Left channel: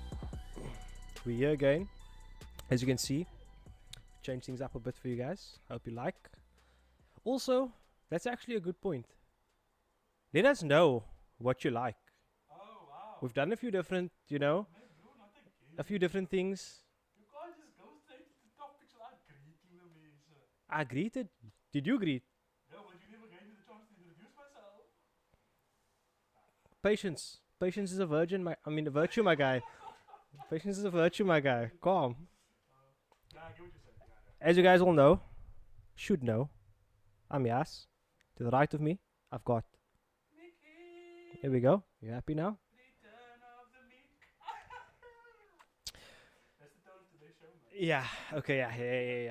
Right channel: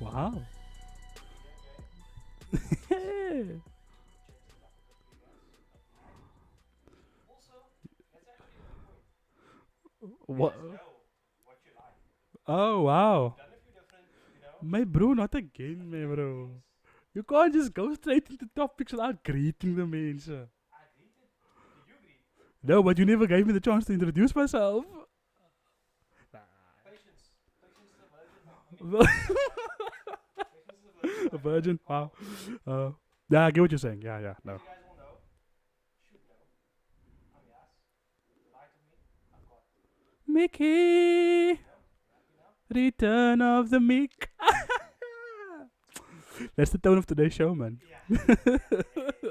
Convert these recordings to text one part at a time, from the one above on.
Wow. We're here again. As you can see, change things up a bit for you guys. Hope you like. Also, that's actually a good point. Let us know what you like. Oh, wow. We've done a few different, My bro, not again. a few my different bro. things. You can't just go straight into topics without greeting the mensen. I greeted. Did you greet? No, but you never gave me the chance to introduce myself. Patience. Patience is a virgin, a virtue, my guy. Patience is a virtue, my guy. Virgin, Calm. Yeah, I get what you're saying. Yeah. As you guys all know, should know, I'm Mik Yaas. To the right of me, I've got. Miki. Here we go. You happy now? Return of the Mik. That's the tone of today's show, man. Yeah. Okay. Yeah.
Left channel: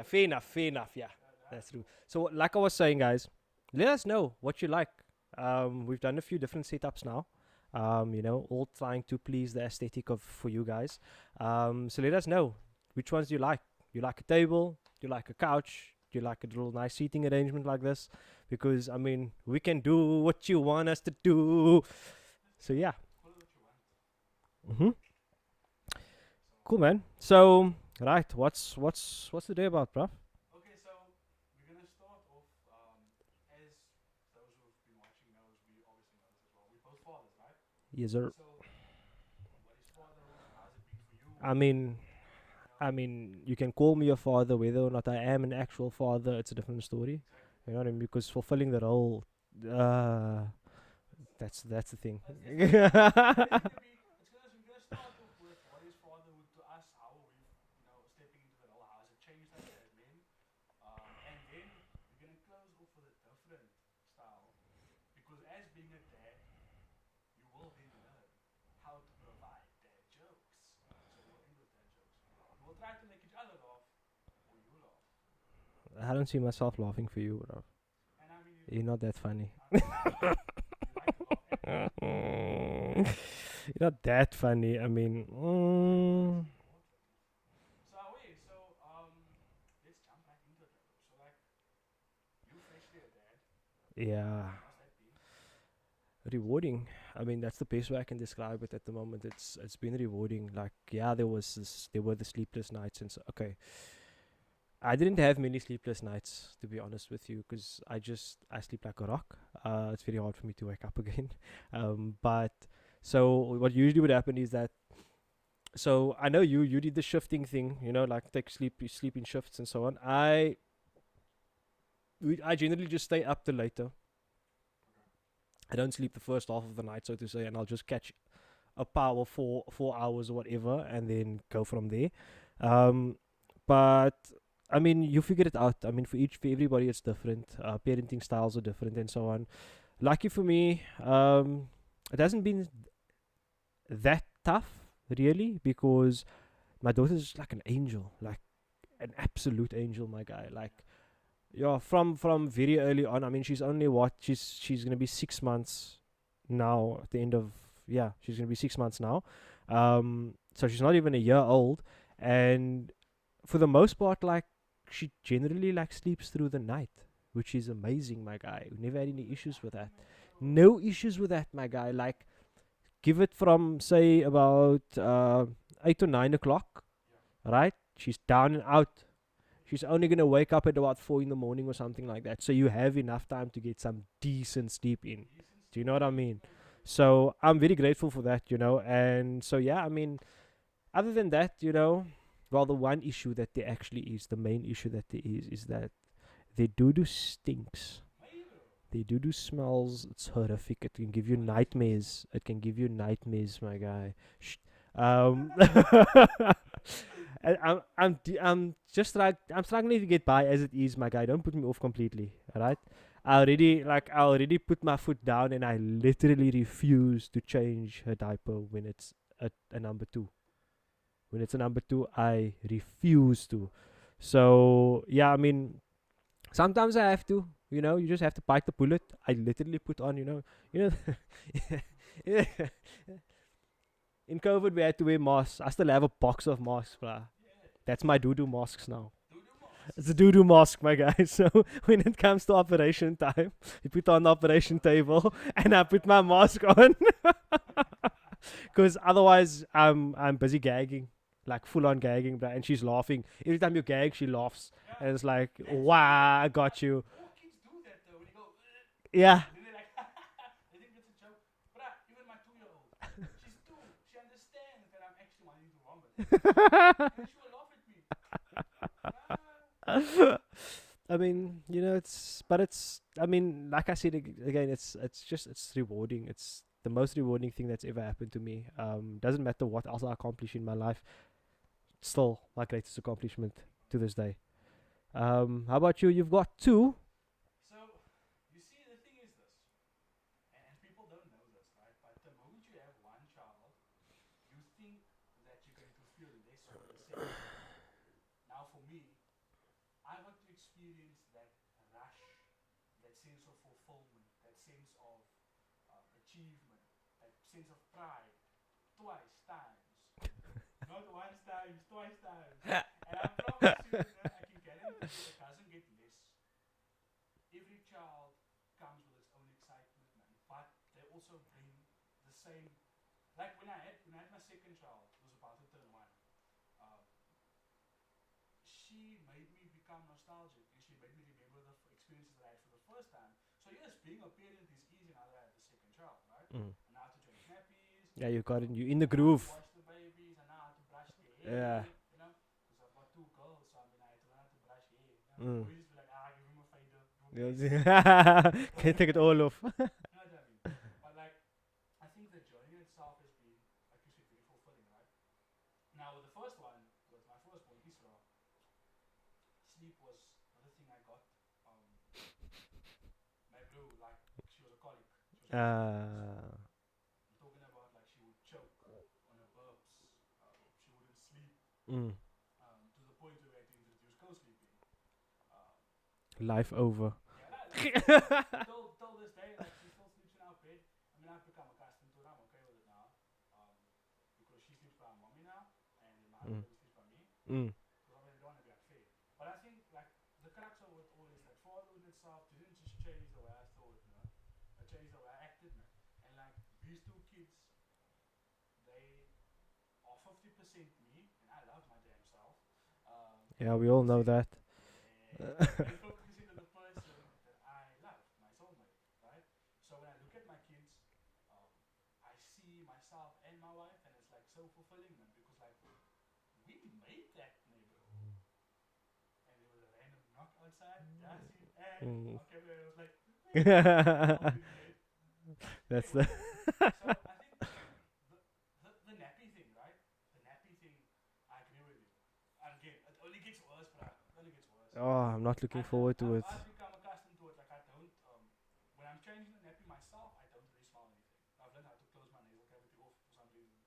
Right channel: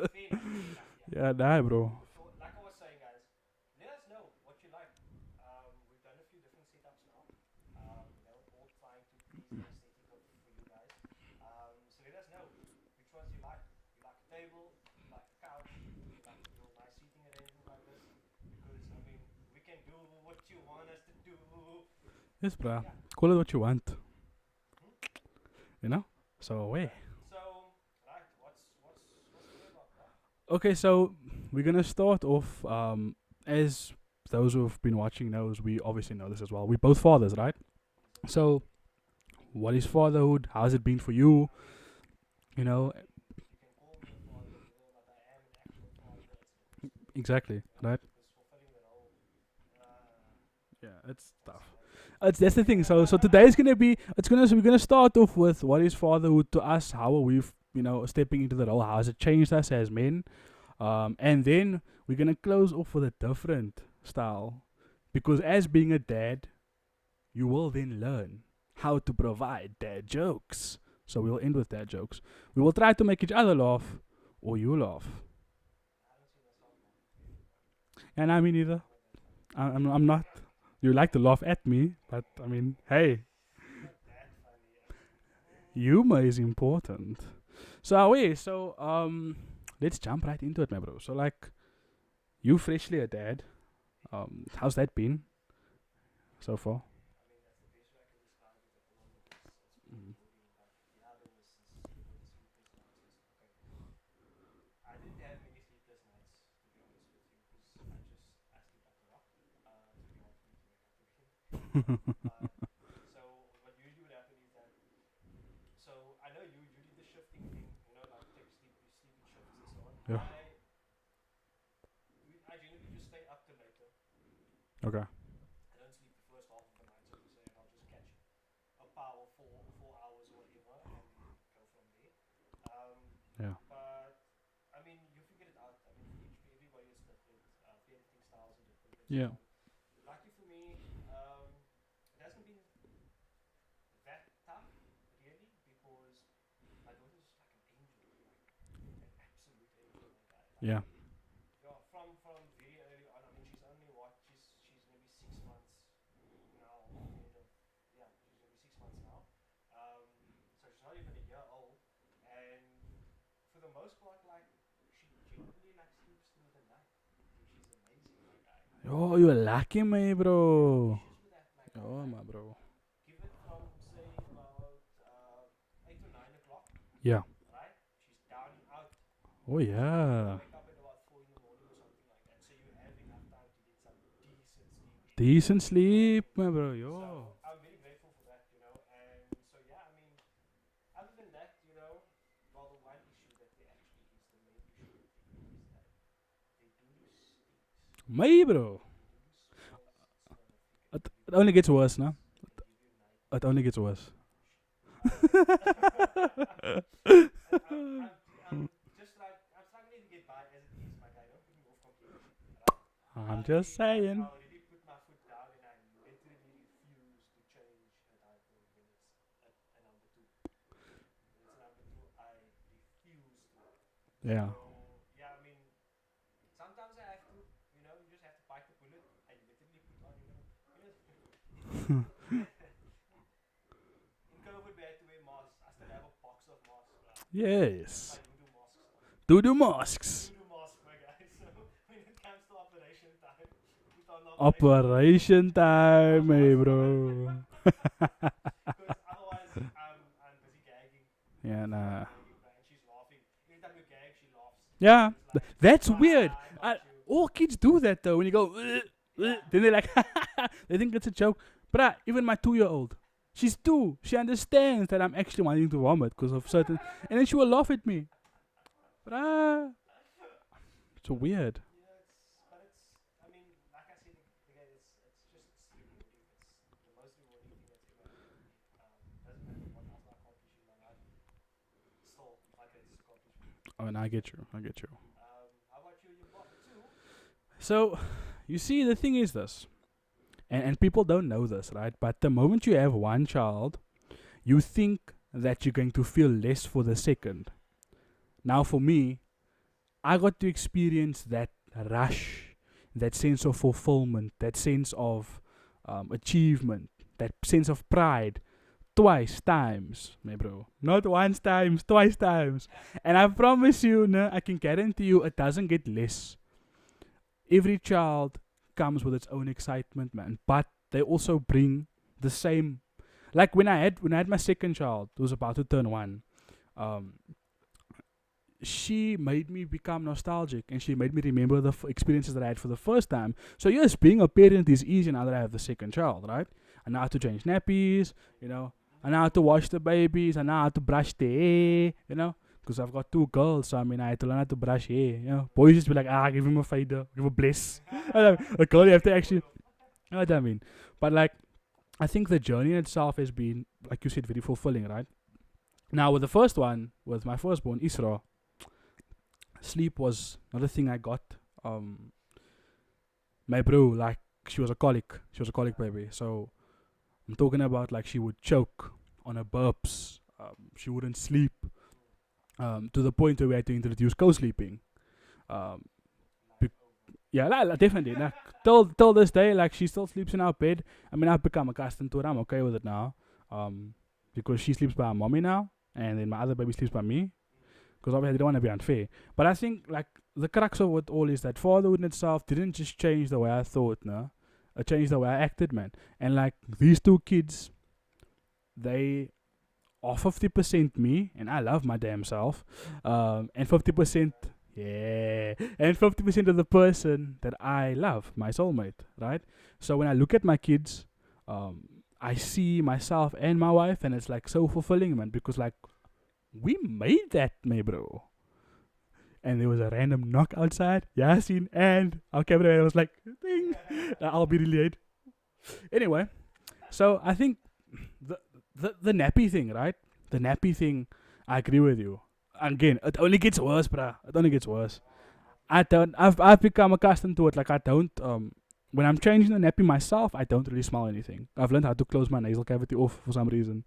Fair enough. Yeah. Yeah, nah, bro. So, like I was saying, guys, let us know what you like. We've done a few different setups now. All trying to please the aesthetic for you guys. So let us know which ones you like. You like a table? You like a couch? You like a little nice seating arrangement like this? Because we can do what you want us to do. Yes, bro. So yeah, Call it what you want. mm-hmm. You know. So Cool, man. So right, what's the day about, bro? Okay, so we're gonna start off. As those who've been watching knows, we obviously know this as well. We're both fathers, right? Yes, sir. So, what is fatherhood? How's it been for you? You know, You can call me a father, whether or not I am an actual father, it's a different story. exactly. You know what I Right? mean? Because fulfilling the role, Yeah, that's the thing. that's the thing. So today's we're gonna start off with what is fatherhood to us. How are we, stepping into the role? How has it changed us as men? And then we're gonna close off with a different style, because as being a dad, you will then learn how to provide dad jokes. So we'll end with dad jokes. We will try to make each other laugh, or you laugh. I don't see myself laughing for you, bro. And I mean either. You're not that funny. I'm not. You like to laugh at me. Hey, You're not that funny. humor is important. So let's jump right into it, my bro. So you freshly a dad. Yeah, How's that been? rewarding. That's the best way I can describe it at the moment. It's been rewarding. There were the sleepless nights and so. Okay, I didn't have many sleepless nights, to be honest with you, because I sleep like a rock. It's very hard for me to wake up again. But so what usually would happen is that. So I know you did the shifting thing, take sleep in shifts and so on. Yeah. I generally just stay up till later. Okay. I don't sleep the first half of the night, so to say, and I'll just catch a power 4 hours or whatever, and then go from there. Yeah. But you figure it out. For everybody, it's different. Parenting styles are different, and so Yeah. on. Lucky for me, it hasn't been that tough, really, because my daughter's like an angel, like an absolute angel, my guy. Yeah, from very early on. She's only she's gonna be 6 months now. At the end of she's gonna be 6 months now. So she's not even a year old, and for the most part, she generally sleeps through the night, which is amazing, my guy. Oh, you're lucky, my bro. No issues with that, my guy. Oh, my bro. Give it from say about 8 or 9 o'clock. Yeah. Right? She's down and out. Oh yeah. She's only gonna wake up at about 4 in the morning or something like that. So you have enough time to get some decent sleep in. Decent sleep, You know what I mean? my bro. Yo. So I'm very grateful for that, And so other than that, well, the one issue that there actually is, the main issue that there is that their doo-doo stinks. My bro. Their doo-doo smells. It's horrific. It can give you only nightmares. gets worse, no? It can give you nightmares. It only gets my worse. guy. Shh. I'm struggling to get by as it is, my guy. Don't put me off completely, alright? I already put my foot down, and I literally refuse to change her diaper when it's a number 2. When it's a number 2, I refuse to. Yeah. So sometimes I have to. You just have to bite the bullet. I literally put on, In COVID, we had to wear masks. I still have a box of masks, bruh. Yes. That's my Dodo masks now. Dodo masks. It's a Dodo mask, my guy. So when it comes to operation time, you put on the operation table, and I put my mask on. Because otherwise, I'm busy gagging, like full on gagging, bruh. And she's laughing every time you gag. She laughs. Yeah, and it's like that's wow, weird. I got you. All kids do that though. When you go, Yeah. then they're like, they think it's a joke. But even my 2-year-old, she's 2. She understands that I'm actually wanting to vomit because of certain, and then she will laugh at me. It's weird. You know, I mean, like I said again, it's rewarding. It's the most rewarding thing that's ever happened to me. Doesn't matter what else I accomplish in my life. Still, my greatest accomplishment. Oh, to I this get day. you. I get you. How about you? You've got 2. So, you see, the thing is this, and people don't know this, right? But the moment you have one child, you think that you're going to feel less for the second. Now, for me, I got to experience that rush, that sense of fulfillment, that sense of achievement, that sense of pride, twice times, bro. Not once times, twice times. And I promise you, I can guarantee you, it doesn't get less. Every child comes with its own excitement, man. But they also bring the same. Like when I had my second child, who was about to turn 1, she made me become nostalgic, and she made me remember the experiences that I had for the first time. So yes, being a parent is easy now that I have the second child, right? I know how to change nappies. Yeah, you in the I know how to groove. wash the babies. I know how to brush their hair. Yeah. You know, because I've got 2 girls, so I mean I had to learn how to brush hair. You know, Mm. boys just be like, give him a fader, give him a bless. The girl you have Take to it all actually. off. You know what I mean? But like, I think the journey in itself has been, like you said, very fulfilling, right? Now with the first one, with my firstborn Isra, sleep was another thing I got. My bro, like, she was a colic. She was a colic baby. So I'm talking about like she would choke on her burps. She wouldn't sleep. To the point where we had to introduce co-sleeping. Life over. Yeah, definitely. Till this day, like, she still sleeps in our bed. I mean, I've become accustomed to it. I'm okay with it now. Because she sleeps by her mommy now, and then my other baby sleeps by me. Because obviously I don't want to be unfair. But I think, like, the crux of it all is that fatherhood in itself didn't just change the way I thought, no. It changed the way I acted, man. And, like, these 2 kids, they are 50% me, and I love my damn self. And Yeah, 50%... Yeah. And 50% of the person that I love, my soulmate, right? So when I look at my kids, I see myself and my wife, and it's like so fulfilling, man, because like we made that, me bro. And there was a random knock outside, Yasin, and our cameraman was like, I'll be really late. Anyway, so I think the nappy thing, right? The nappy thing, I agree with you. Again, it only gets worse, bruh. It only gets worse. Oh, I'm not looking forward to it. I've become accustomed to it. Like, I don't, when I'm changing the nappy myself, I don't really smell anything. I've learned how to close my nasal cavity off for some reason.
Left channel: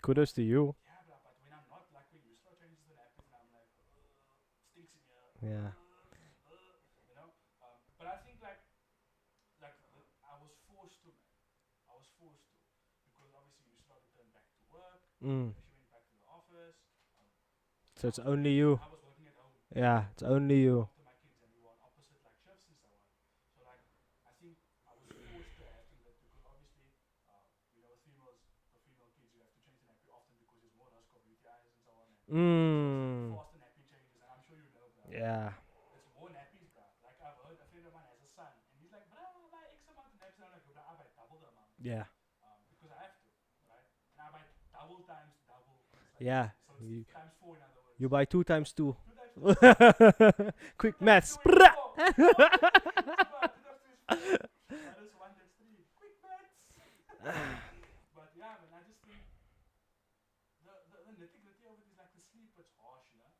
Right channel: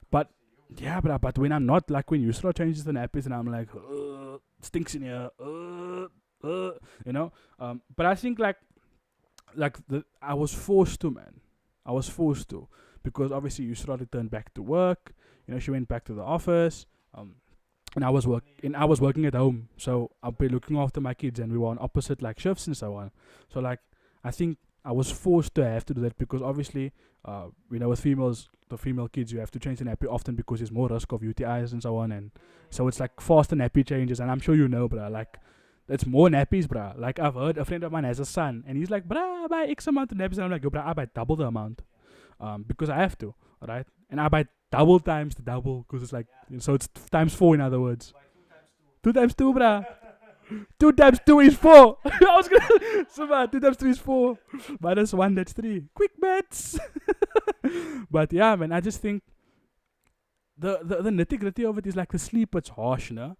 Kudos to you. Yeah, but when I'm not, like when Yusra changes the nappies and I'm like, it stinks in here, you know. But I think like I was forced to, man. I was forced to, because obviously Yusra returned back to work. You know, she went back to the office. And So I was I was working at home, Yeah, so it's I'll be only looking you. after my kids, and we were on opposite like shifts and so on. So like, I think I was forced to have to do that, because obviously, you know, with females, the female kids, you have to change the nappy often because there's more risk of UTIs and so on, and so it's like faster nappy changes, and I'm sure you know, bruh, like it's more nappies, bruh. Like I've heard a friend of mine has a son, and he's like, bruh, I buy X amount of nappies, and I'm like, yo, bruh, I buy double the amount, because I have to, right? And I buy double times the double, because it's like, so it's times 4 in other words. You buy 2 times 2. 2 times 2, bruh. 2 Quick times maths. 2 is 4. So, 2 times 2 is 4. Minus 1, that's 3. Quick maths. But yeah, man, I just think the nitty gritty of it is like the sleep, it's harsh, no?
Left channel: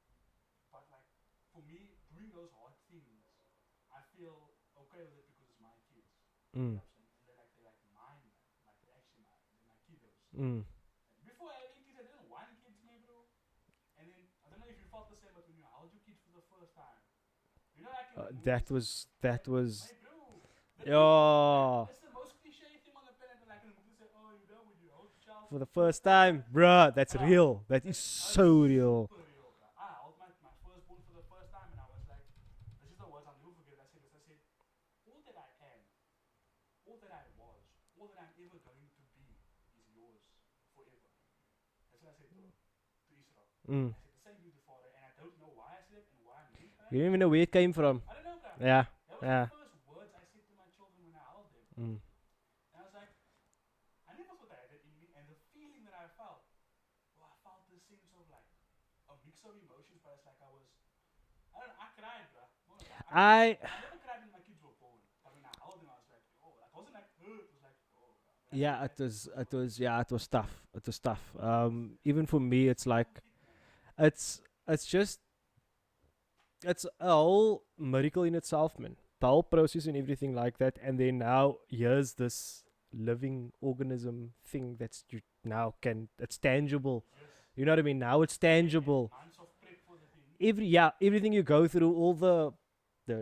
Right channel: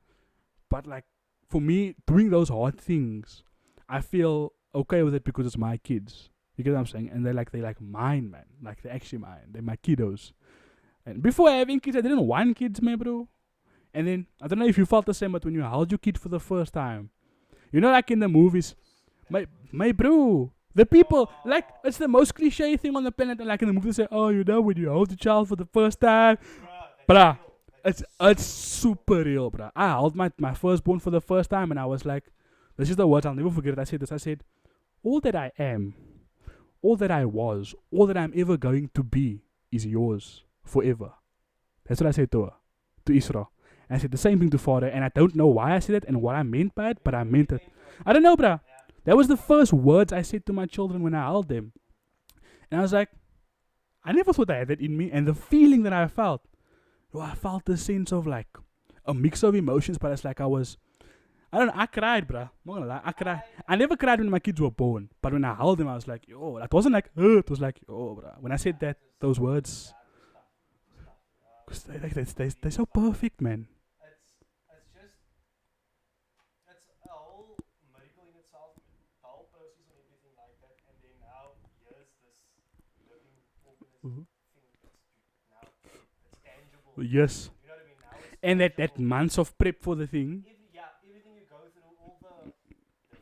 But like, for me, doing those hard things, I feel okay with it because it's my kids. You get what I'm saying? And they're like mine, man. Like, they're actually mine. They're my kiddos. And before having kids, I didn't want kids, man, bro. And then, I don't know if you felt the same, but when you held your kid for the first time, you know, like in the movies, That was my bro, The people, like, Yeah. it's the most cliche thing on the planet. And like in the movie, they say, "Oh, when you hold the child for For the first time." bruh, that's Bruh, real. That's It's so it's real. super real, bro. I held my firstborn for the first time, and I was like, "This is the words I'll never forget." It. I said this. I said, "All that I am, all that I was, all that I'm ever going to be, is yours forever." That's what I said to her, to Isra. I said the same thing to father, and I don't know why I said it and what I meant by it, You but don't I know where meant it it. came from. I don't know, bro. Yeah. That was the Yeah. first words I said to my children when I held them. And I was like, I never thought I had that in me. And the feeling that I felt, I felt the sense of like a mix of emotions, but it's like I don't know, I cried, bruh. I'm not gonna lie. I cried. I never cried when my kids were born, but when I held them, I was like, yo, it wasn't like, it was like, oh, bruh. When I said that, those words. It was tough. It was tough. Like, Even for me, they're it's so like, perfect, man. it's just, it's a whole miracle in itself, man. The whole process and everything like that. And then now, here's this living organism thing that's it's tangible. Yes. You know what I mean? Now it's And tangible. that months of prep for the thing. Everything you go through, all the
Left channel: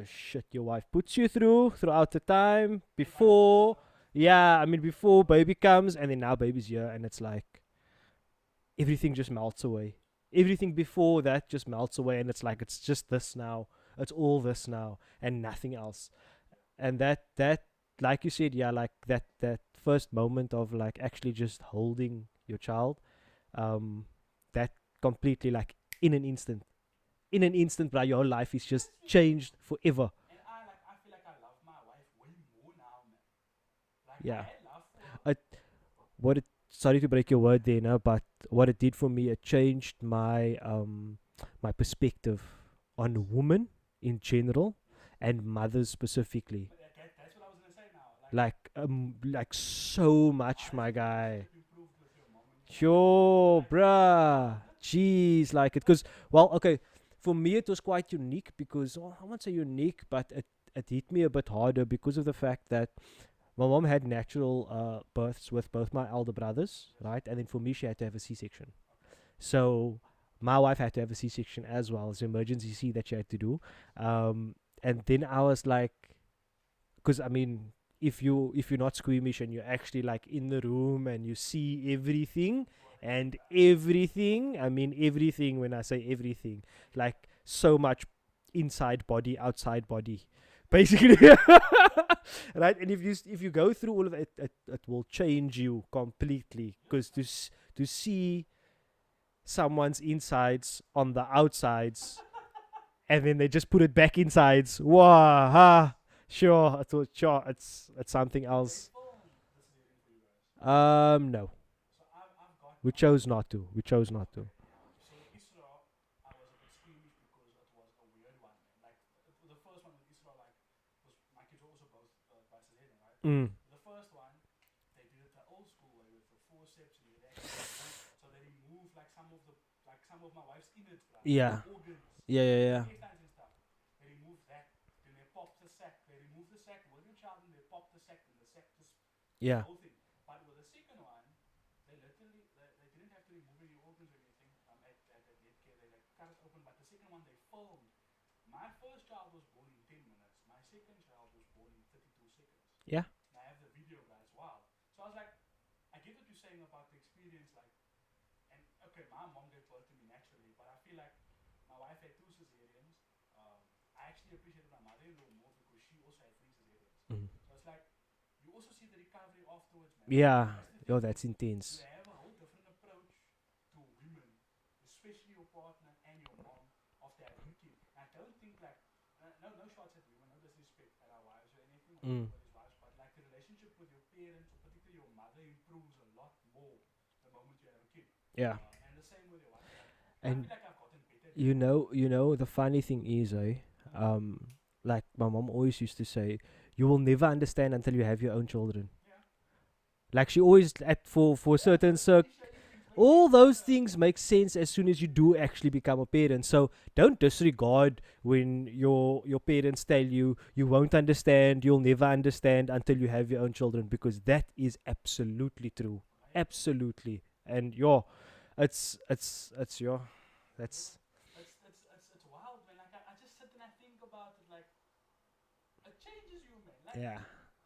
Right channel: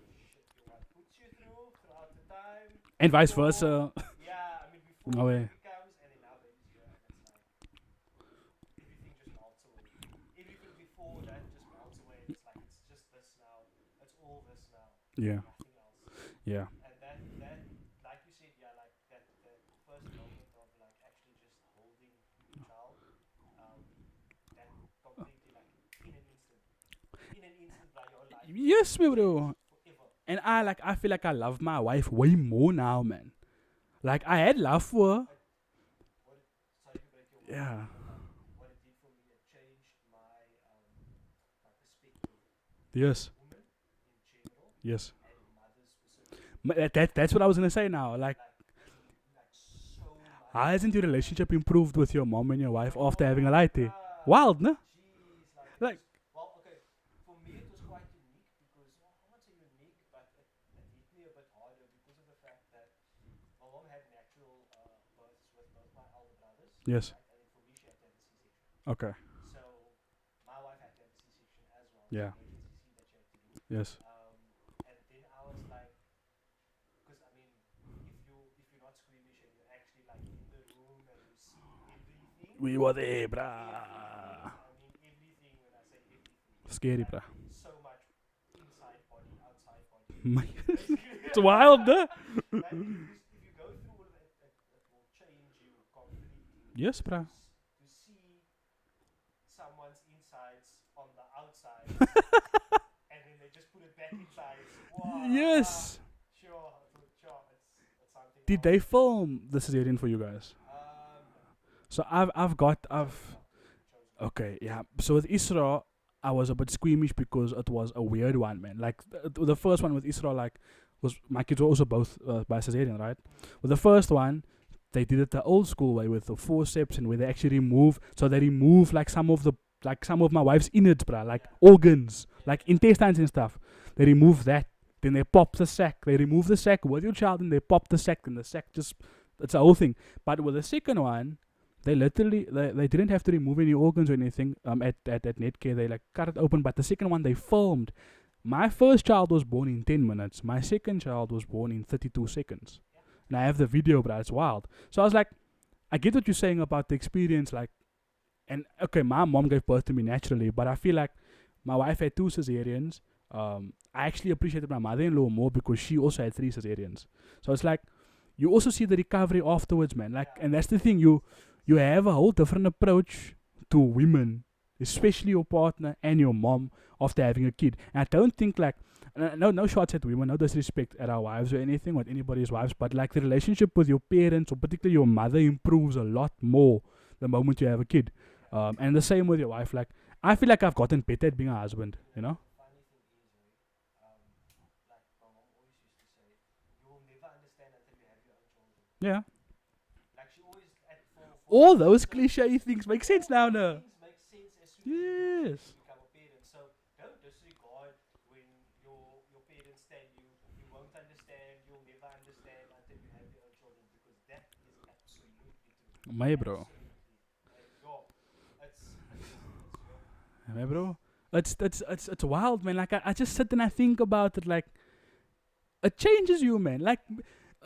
shit your wife puts you throughout the time, And vice before- versa. Yeah, I mean before No way. baby comes, and then now baby's here, and it's like everything just melts away. Everything before that just melts away, and it's like it's just this now. It's all this now, Yeah. and nothing else. Yeah. And that like you said, like that first moment of like actually just holding your child, that completely like in an instant, bro, your whole life is Yes, just we changed will. forever. And I feel like I love my wife way more now, man. Like I Yeah. had love for her. Sorry to break your word there, Yeah. no, but what it did for me, it changed my my perspective Yes. on women in general Yes. and mothers specifically. That's what I was gonna say now. Like Like so much. how my hasn't your guy. relationship improved with your mom and your wife Sure, after having a light? bruh. Wild, no? Jeez, like it, Like- because okay, for me it was quite unique because I won't say unique, but it hit me a bit harder because of the fact that my mom had natural births with both my elder brothers, Yes. right, and then for me she had to have a C-section. Okay. So my wife had to have a C-section as well. It's Yeah. an emergency C that she had to do. Yes. And then I was like, because I mean, if you're not squeamish and you're actually like in the room and you see everything, We were there, and bruh. everything. I mean everything. When I say everything, Scary, like- bruh. so much inside body, outside body. My- Basically, it's wild, no? Right? And if you go through all of it, it will change you completely. Yes, Because bruh. to see someone's insides on the outsides, and then they just put it back insides. Wow. Yes. Sure, it's something Did else. they film the cesarean for you guys? No, So I've got. we I've- chose not to. We chose not. Okay, yeah. So with Isra, I was a bit squeamish because it was a weird one, man. Like the first one with Isra, like was my kids were also both by cesarean, right? Mm. With the first one, they did it the old school way with the forceps and where they actually remove. So they remove like some of my wife's innards, bruh, like Yeah. organs, Yeah, like yeah, yeah. intestines and stuff. They remove that. Then they pop the sac. They remove the sac with your child, and they pop the sac. And the sac just it's Yeah. the whole thing. But with the second one, they literally they didn't have to remove any organs or anything. At Netcare they like cut it open. But the second one they filmed. My first child was born in 10 minutes. My second child was born in 32 seconds. Yeah. And I have the video, but it's wild. So I was like, I get what you're saying about the experience, like, and okay, my mom gave birth to me naturally, but I feel like my wife had 2 cesareans. I actually appreciated my mother-in-law more because she also had 3 cesareans. So it's like, you also see the recovery afterwards, man. Like, Yeah. and that's the thing, That's intense. you have a whole different approach to women, especially your partner and your mom after having a kid. And I don't think like, no shots at women, no disrespect at our wives or anything, or anybody's wives, but like the relationship with your parents or particularly your mother improves a lot more the moment you have a kid. Yeah. And the same with your wife. Like, I feel like I've gotten better at being a husband. You know, the funny thing is, like my mom always used to say, you will never understand until you have your own children. Yeah. Like she always for All certain those cir- cliche things make all sense now, those no? things make sense as soon as you do actually Yes. become a parent. So don't disregard when your parents tell you you won't understand, you'll never understand until you have your own children, because that is absolutely true. My bro. Absolutely. And it's your My bro. It's wild, man. Like I just sit and I think about it, like it changes you, man. Like yeah.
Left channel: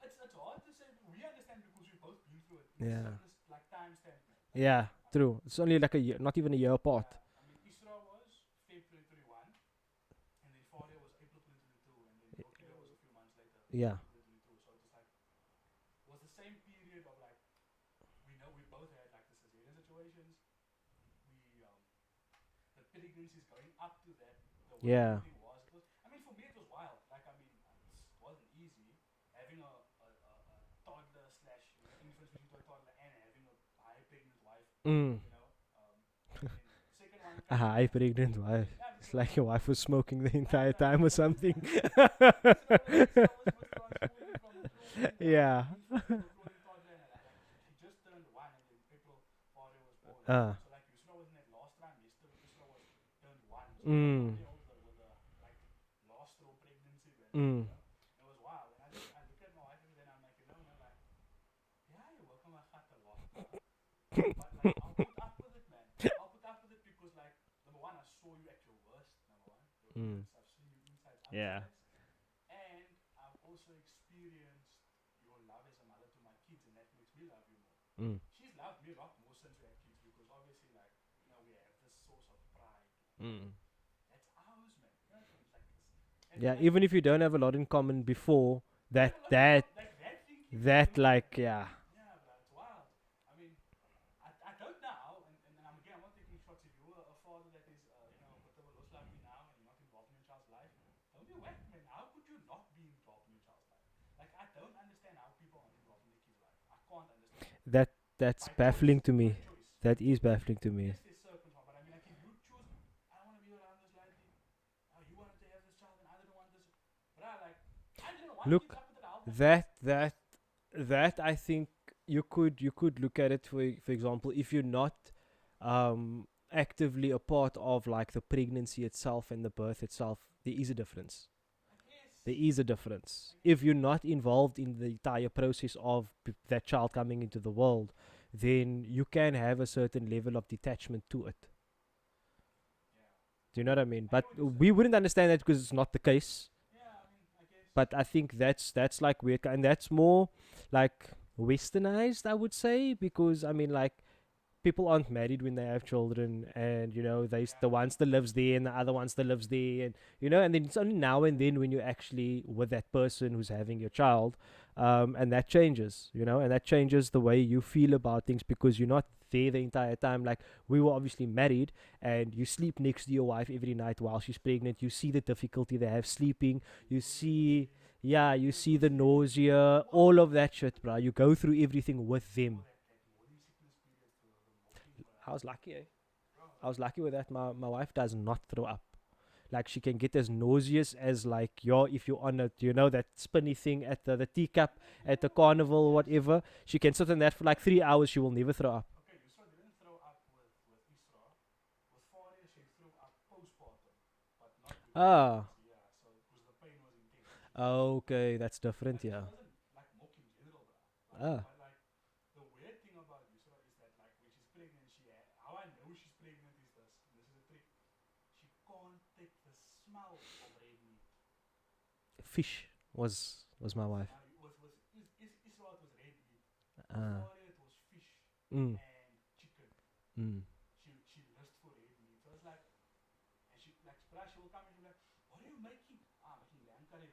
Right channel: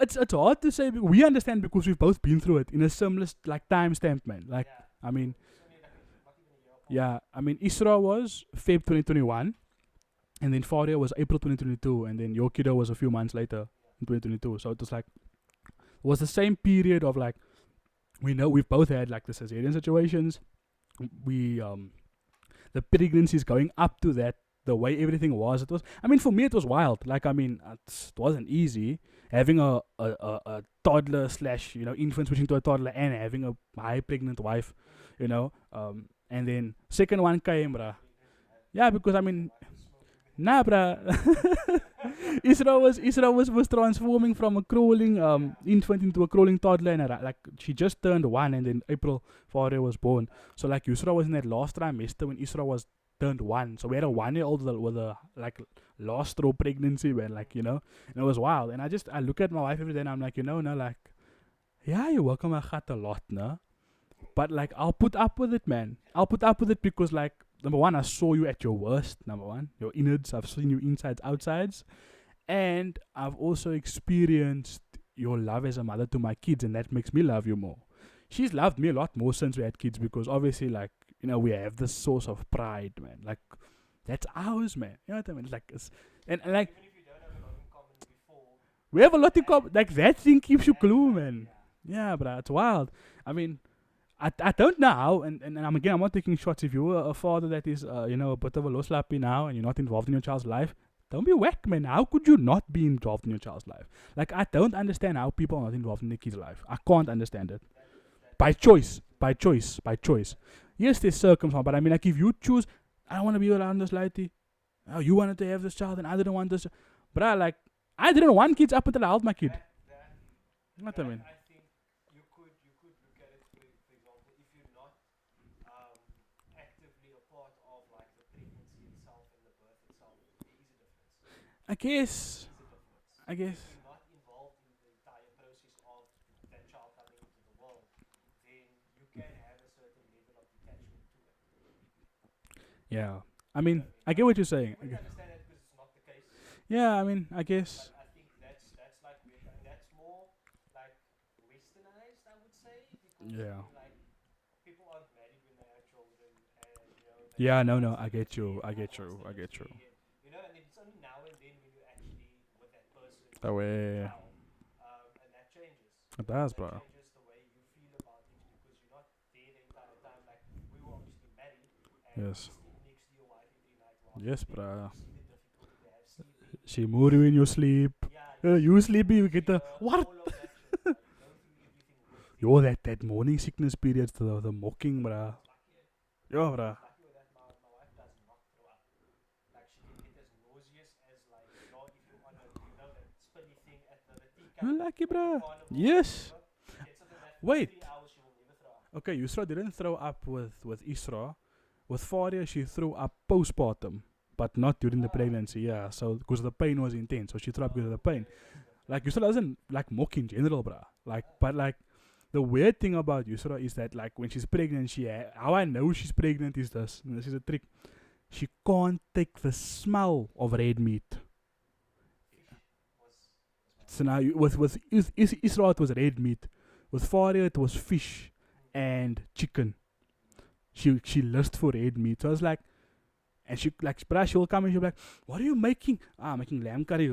it's hard to say. We understand because we've both been through it in a Yeah. similar like timestamp, man. Like, yeah, I true. mean, It's only like a year, not even a year apart. yeah, I mean, Isra was Feb 2021, and then Faria was April 2022, and then your kiddo was a few months later Yeah. in 2022. So it was like, was the same period of like, we know we've both had like the cesarean situations. We the pregnancies going up to that, the way Yeah. everything was, it was. I mean, for me, it was wild. Like, I mean, it wasn't easy having a toddler slash infant switching to a toddler and having a high pregnant wife. And then second one came. High pregnant wife. Yeah, because It's I like mean, your wife was smoking the nah, entire bruh. time or something. Isra was transforming from a crawling Yeah. infant into a crawling toddler, and like she just turned 1, and then April Faria was born. So like Yusra was in that last trimester when Isra was turned 1. So we had a 1-year-old with a like last straw pregnancy, man. Like and it was wild. And I look at my wife every day, and I'm like, no, like, yeah, you work on my heart a lot, no. But like, I'll put up with it, man. I'll put up with it because, like, number one, I saw you at your worst. Number one, your innards. I've seen you insides, outsides, and I've also experienced your love as a mother to my kids, and that makes me love you more. She's loved me a lot more since we had kids because obviously, like, we have this source of pride, man. Like, that's ours, man. You know what I mean? Like, and like, even if you don't have a lot in common before, we have a lot like that thing keeps you glue, like, man. Yeah, but it's wild. I mean, I don't know how, and I'm not taking shots. If you're a father that is, a bit of a low slappy now, and you're not involved in your child's life, don't be whack, man. How could you not be involved in your child's life? Like, I don't understand how people are not involved in their kid's life. I can't understand it. That's By baffling choice, to me. by choice, by That is choice. baffling to me. Yes, there's circumstance, but I mean, like, if you choose, I don't want to be around this lady. Oh, you wanted to have this child, and I didn't want this. But I didn't want kids up until I held my kid. That I think you could look at it for example, if you're not actively a part of like the pregnancy itself and the birth itself, there is a difference. I guess. There is a difference. I guess. If you're not involved in the entire process of that child coming into the world, then you can have a certain level of detachment to it. Yeah. You know what I mean? I But get what you're saying. we wouldn't understand that because it's not the case. Yeah, I mean, I guess. But I think that's like weird, and that's more like westernized, I would say, because I Yeah. mean, like, people aren't married when they have children, and they Yeah, the no, one no, still I lives get you, there, and I the get other one you, still I lives get you. there, and then it's only now and then when you're actually with that person who's Oh, having yeah, a yeah. child, and that changes, It and does, that bro. changes the way you feel about things because you're not there the entire time. Like, we were obviously married, and you Yes. sleep next to your wife every night while she's Yes, pregnant. bro. You see the difficulty they have sleeping. She more in your see- sleep. Yeah, you You see the sleepy, you get the- nausea, what? all of that shit, bro. You go through everything with them. Yo, that morning sickness period, the mocking, I bruh. was lucky, eh? Yo, I bruh. was lucky with that. My wife does not throw up. Like, she can get as nauseous as, like, if you're on that spinny thing at the teacup You're lucky, at the bruh. carnival, Yes. whatever. She can sit on that for like Wait. 3 hours. She will never throw up. Okay, Yusra didn't throw up with Isra. With Faria, she threw up postpartum, but not during the Ah. pregnancy. Yeah, so because the pain was intense, so she threw up because of the pain. Okay, that's different. Like, yeah. Yusra doesn't like mock in general, bruh. Like, Ah. but like, the weird thing about Yusra is that, like, when she's pregnant, how I know she's pregnant is this. And this is a trick. She can't take the smell of red meat. Fish was my wife. So now, with Isra, it was red meat. With Faria, it was fish and chicken. She lust for red meat. So I was like, and she'll come and she'll be like, "What are you making?" I'm making lamb curry.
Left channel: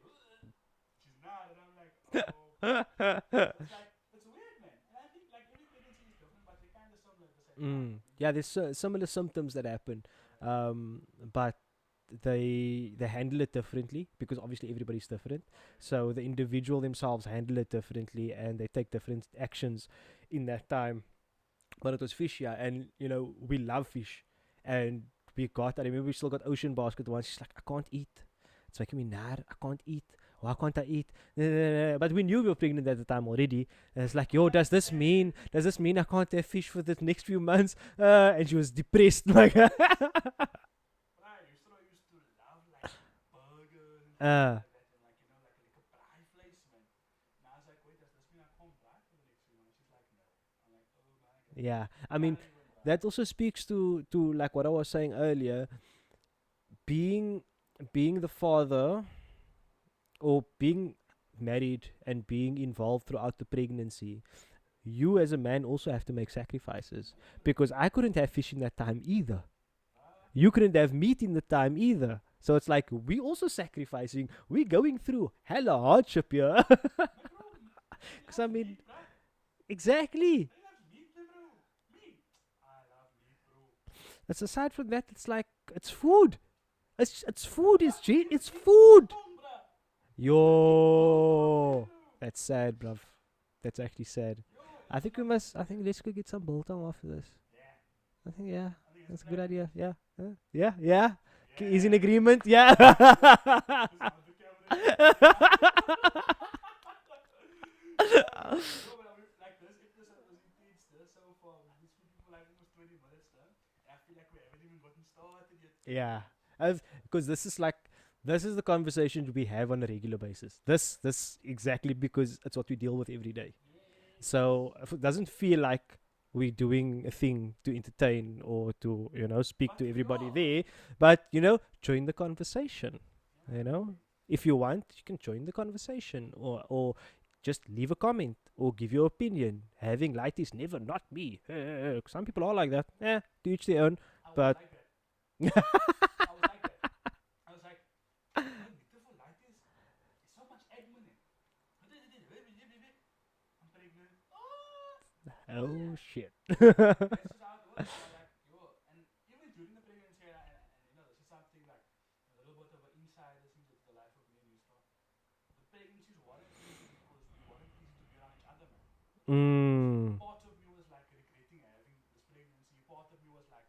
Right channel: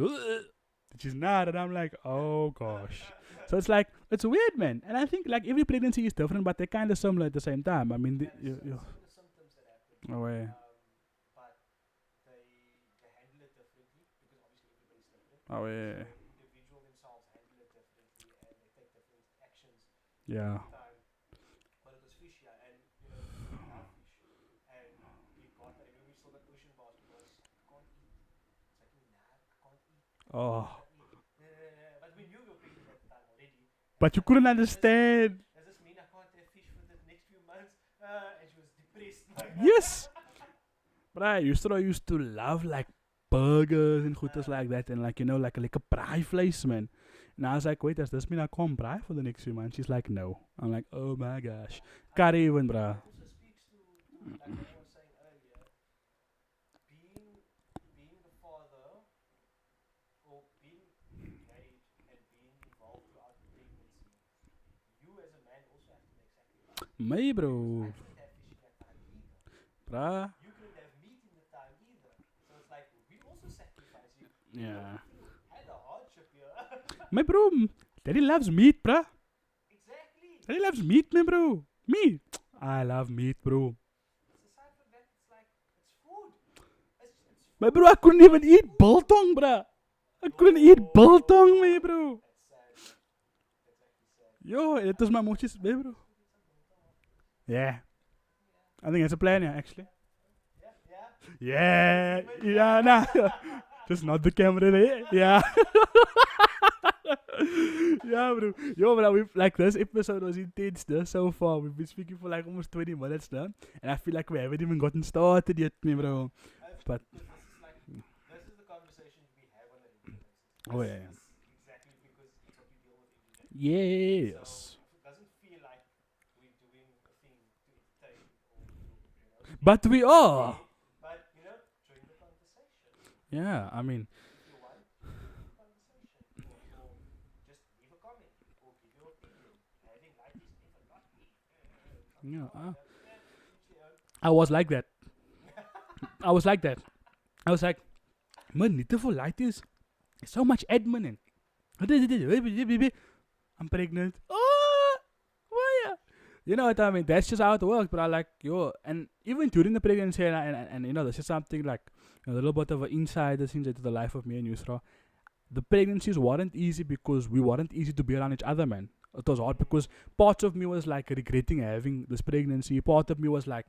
She's not, and I'm like, oh gosh. So it's like, it's weird, man. And I think like every pregnancy is different, but they're kind of similar at the same time. I mean, yeah, there's similar symptoms that happen. Oh, yeah. But they handle it differently because obviously everybody's different. Oh, yeah. So the individual themselves handle it differently, and they take different actions in that time. But it was fish, yeah, and we love fish, and I remember we still got ocean basket once. She's like, I can't eat. It's making me mad. I can't eat. Why can't I eat? But we knew we were pregnant at the time already. And But it's you like, couldn't does understand. this mean I can't have fish for the next few months? And she was depressed. Like, Yes. But I used to love like burgers and things like that, and like like a braai vlees, man. And I was like, wait, does this mean I can't braai for the next few months? She's like, no. I'm like, oh my gosh. yeah. I Can't mean, even, bruh. that also speaks to like what I was saying earlier. Being the father, or being married and being involved throughout the pregnancy, you as a man also have to make sacrifices. Me, bro. Because I couldn't have fish in that time either. Bruh. You couldn't have meat in the time either. So it's like we also sacrificing. We're going through hella hardship here. My bro, Daddy loves Something- meat, bruh. Exactly. Daddy loves meat, my bro. Meat. I love meat, bro. That's aside from that, it's like it's food. It's food. My bro, I it's couldn't genuine, even it's eat food. biltong, bruh. I couldn't eat biltong, me, bro. That's sad, bruv. That's actually sad. Yo, it I was think my we mom's must- I think let's go get some biltong after this. Yeah, I think yeah. I think it's a That's plan, good idea. actually. Yeah. Yeah. Yeah. Is an agreement? Yeah. Yeah. Just not the camera there. Yeah. Yeah, bro. Yo, bro, we've, like, this episode was intense, though, so far. We've been speaking for like almost 20 minutes now. And I feel like we haven't even gotten started yet, me, bro. But Because this is the conversations we have on a regular basis. Oh, This yeah. this exactly because it's what we deal with every day. yes. So if it doesn't feel like we're doing a thing to entertain or to speak. But to we everybody are. there. But join the conversation. yeah, you know? I mean, If you want, you can join the conversation or just leave a comment or give your opinion. Having light is never not me. Some people are like that. To each their own. I was But- like that. I was like that. I was like, man, need for light is so much admin. I'm pregnant. Oh yeah. shit. You know what I mean? That's just how it works. But I like, and even during the pregnancy, and this is something like a little bit of an insider thing into the life of me and Yusra. The pregnancies weren't easy because we weren't easy to be around each other, man. It was hard because part of me was like regretting having this pregnancy. Part of me was like,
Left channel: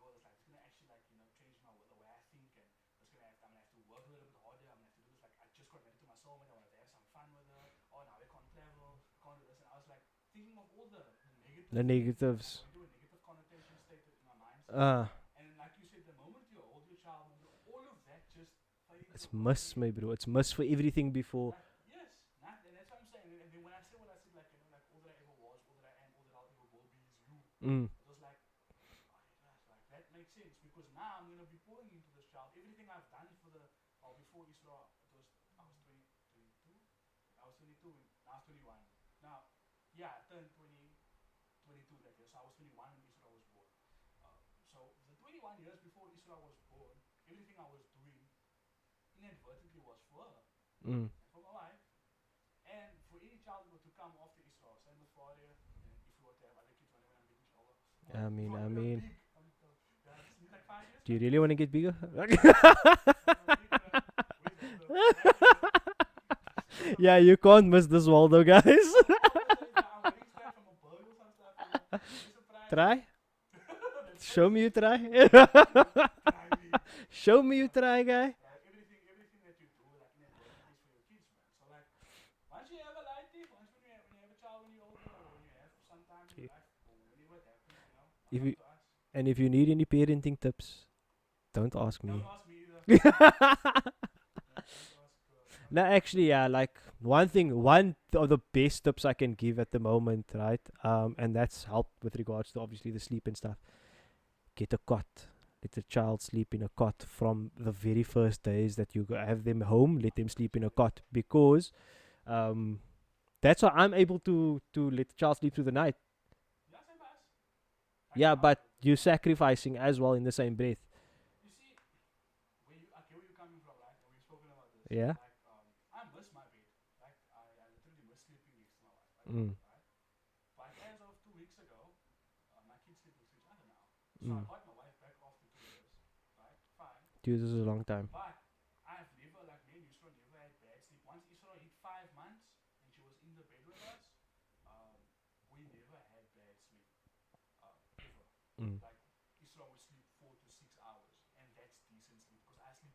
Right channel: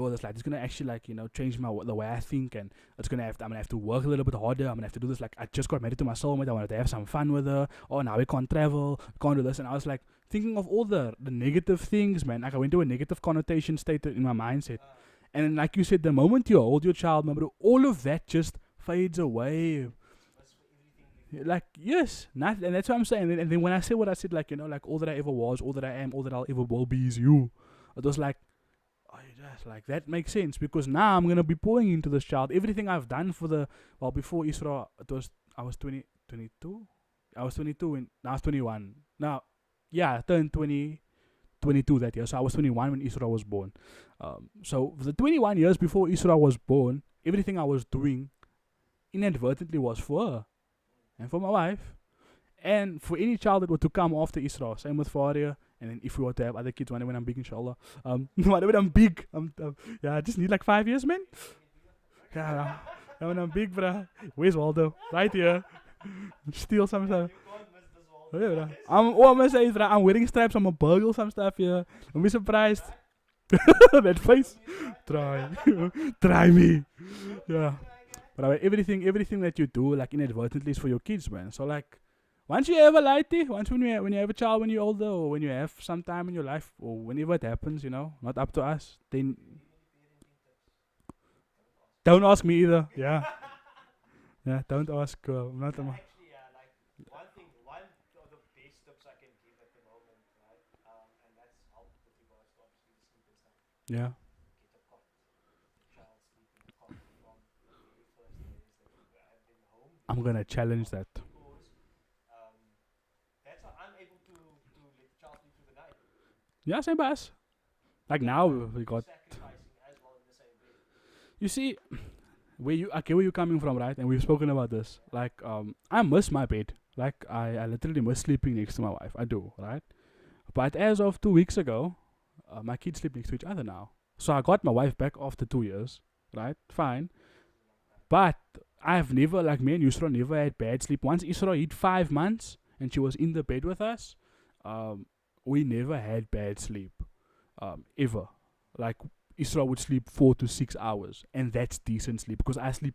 it's gonna actually change the way I think, and I'm gonna have to work a little bit harder. I'm gonna have to do this. Like, I just got married to my soulmate. I wanted to have some fun with her. Oh, now we can't travel, can't do this, and I was like thinking of all the negative things, man. Like, I went to a negative connotation state in my mindset, and then, like you said, the moment you hold your child, remember, all of that just fades away. Bro. It's must for everything before. Like, yes, and that's what I'm saying. And then when I say what I said, like, all that I ever was, all that I am, all that I'll ever will be is you. It was like, like, that makes sense because now I'm gonna be pouring into this child. Everything I've done before Isra, I was 22. I was 22 and now I was 21. Now, yeah, I turned 22 that year. So I was 21 when Isra was born. So the 21 years before Isra was born, everything I was doing inadvertently was for her and for my wife and for any child that were to come after Isra. Same with Faria. And then if we were to have other kids when I'm big, inshallah. When I'm big, I just need like 5 years, man. You really want to get bigger? When I'm big, bruh. Where's Waldo? Right here. Steal some. Yeah, you can't miss this Waldo, Yeah. guys. I'm gonna say is that I'm wearing stripes. I'm a burgle some stuff here. Don't be surprised. Try. That face. Show me you try. Try me. Show me Yeah. you try, guy. But everything that you do, like, inadvertently is for your kids, man. So, like, once you have a lighty, when you have a child when you're older, or when you have some time in your life, or whenever it happens, not If up you- to us. Then if you need any parenting tips, don't ask me. Don't ask me either. Yeah. Yeah, don't ask. I'm not No, gonna- actually, yeah, like one of the best tips I can give at the moment, right? And that's helped with regards to obviously the sleep and stuff. yeah. Get a cot. Let the child sleep in a cot from the very first days that you have them home. Let I'm them gonna sleep in a challenge cot that. because that's how I'm able to let the child sleep through the night. Yeah, same as. Like, yeah, now but we you're got- sacrificing as well in the same breath. You see, where you're coming from, right? And we've spoken about this. Yeah. Like, I miss my bed. Like, I literally miss sleeping next to my wife. I do, right? But as of 2 weeks ago, my kids sleep next to each other now. So I got my wife back after 2 years, right? Fine. 2 years is a long time. But I've never, like, me and Yusra never had bad sleep. Once Isra hit 5 months and she was in the bed with us, we never had bad sleep, ever. Like, Isra would sleep 4 to 6 hours, and that's decent sleep because I sleep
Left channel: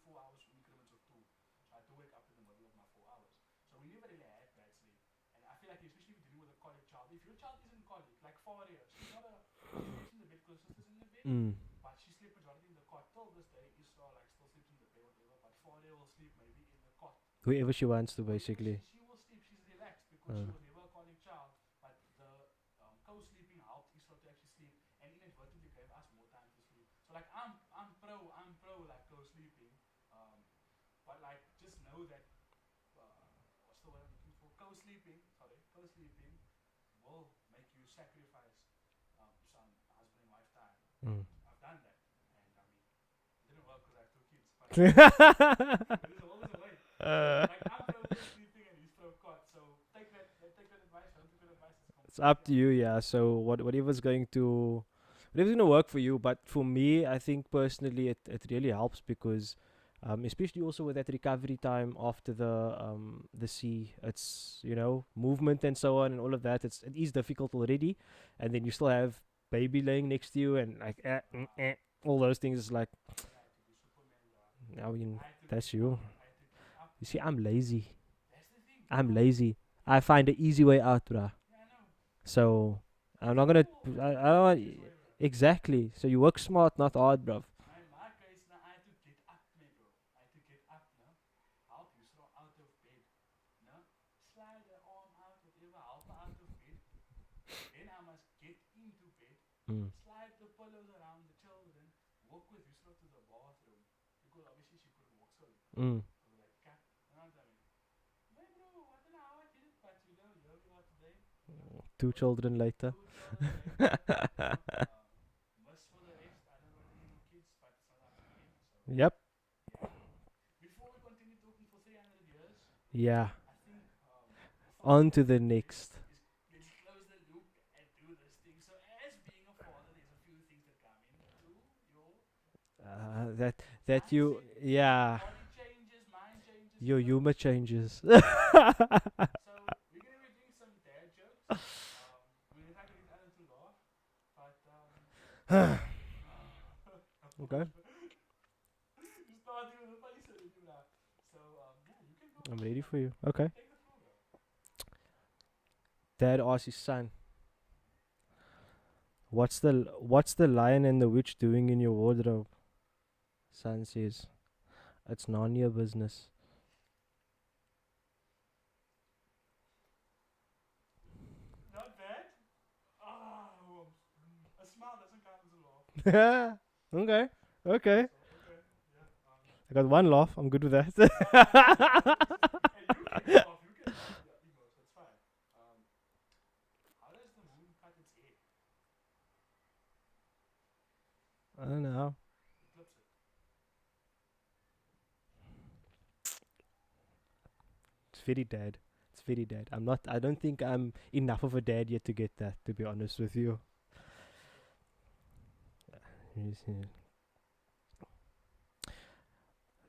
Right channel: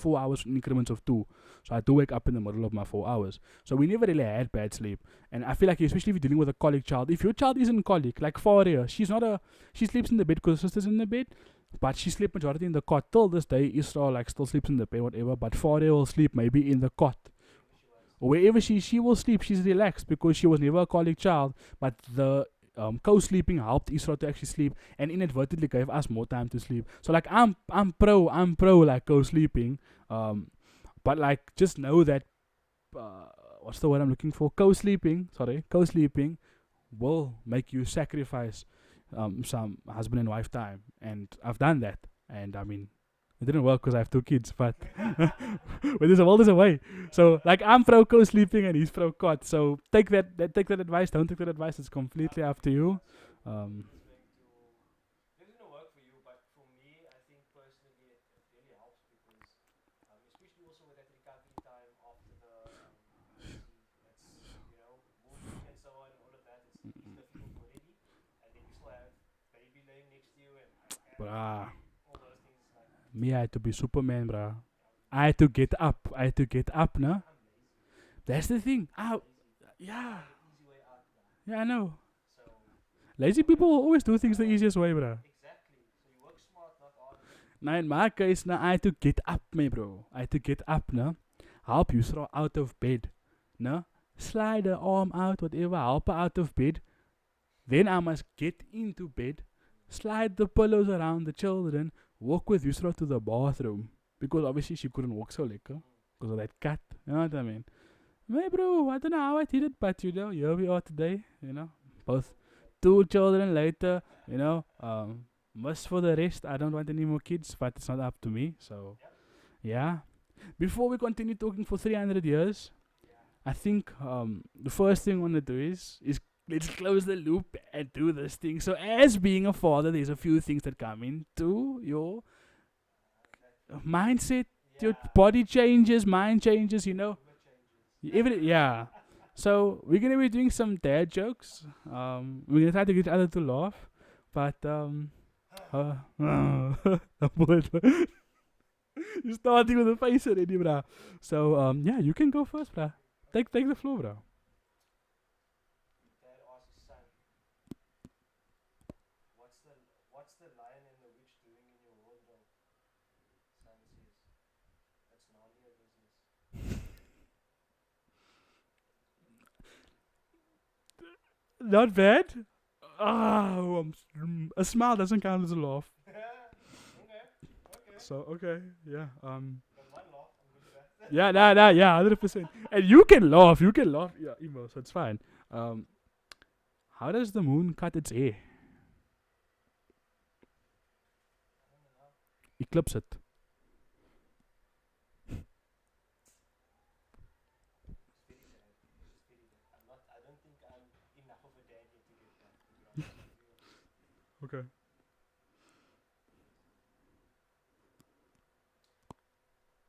4 hours in increments of 2. So I do wake up in the middle of my 4 hours. So we never really had bad sleep. And I feel like, especially if you're dealing with a colic child, if your child isn't colic, like Faria, she sleeps in the bed because her sister's in the bed, but she sleeps majority in the cot. Till this day, Isra, like, still sleeps in the bed, whatever, but Faria will sleep maybe in the cot. Wherever she wants to. Wherever basically. she will sleep, she's relaxed because she was never a colic child, but the co-sleeping helped Isra to actually sleep and inadvertently gave us more time to sleep. So, like, I'm pro like co-sleeping, but, like, just know that what's the word I'm looking for? Co-sleeping will make you sacrifice some husband and wife time, and I've done that, and I mean, it didn't work because I have 2 kids, but but there's a world is a way. So like I'm pro co-sleeping and he's pro cot. So take that advice. Don't take that advice. It's It's completely up to you. Yeah. you. So Um, whatever's going to work for you. But for me, I think personally, it really helps because, especially also with that recovery time after the sea, it's movement and so on and all of that. It is difficult already, and then you still have baby laying next to you and like Bruh. all those things. Is like Me, I had to be Superman, bruh. I mean, I had to that's get you. up. I had to get up, no? See, I'm lazy. That's the thing. I'm Ah, lazy. I yeah. find the easy way out, bruh. Yeah, I know. So Lazy not gonna people always do I things the don't- easiest way, bruh. exactly. So you work smart, not hard, bruv. Now in my case, now I had to get up, me bro. I had to get up, no? Help you throw out of bed, no? Slide the arm out, whatever, help her out of bed. Then I must get into bed, slide the pillows around the children, walk with Yusra to the bathroom. Because obviously she couldn't walk so lekker because of that cut. You know what I mean? Hey bro, I don't know how I did it, but here we are today, Two Both- children later. 2 children later, Must for the rest, I don't want any more kids, but it's not up to me. So Yep. yeah. Before we continue talking for 300 years, Yeah. I think the first On thing to we want the to do next. is let's close the loop and do this thing. So as being a father, there's a few things that come into your That mindset, your your body changes, mind changes, your humor changes. yeah. So we're gonna be doing some dad jokes. We're gonna try to get each other to laugh, but you're starting with a face already, bro. So yeah, you can go I'm first, ready bro. for you. Okay. Take the floor, bro. Dad asks his son, what's the lion and the witch doing in your wardrobe? Son says, it's Narnia business. Not bad. Oh, a smile doesn't count as a laugh. Okay. So okay, yeah. I got one laugh. I'm good with that. Yeah, nah, yeah, 100%. And you can laugh, yeah, emo, so it's fine. How does the moon cut its hair? I don't know. Eclipse it. It's very dad. It's very dad. I don't think I'm enough of a dad yet to get that, to be honest with you. Okay.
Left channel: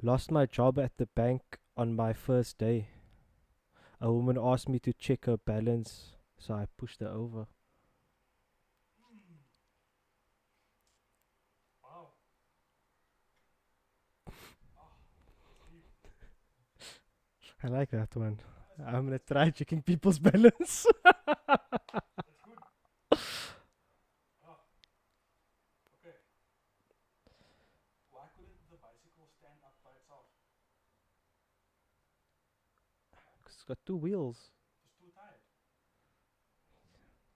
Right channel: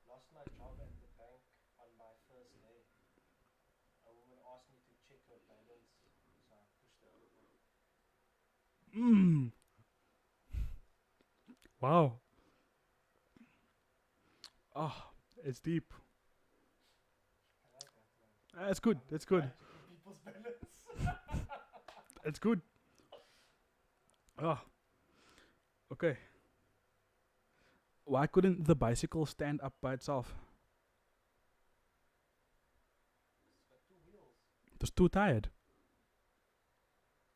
Lost my job at the bank on my first day. A woman asked me to check her balance, so I pushed her over. Wow. Oh, it's deep. I like that one. That's good. I'm gonna It's try good. checking people's balance. It's good. Oh. Okay. Why couldn't the bicycle stand up by itself? It's got two wheels. It was too tired.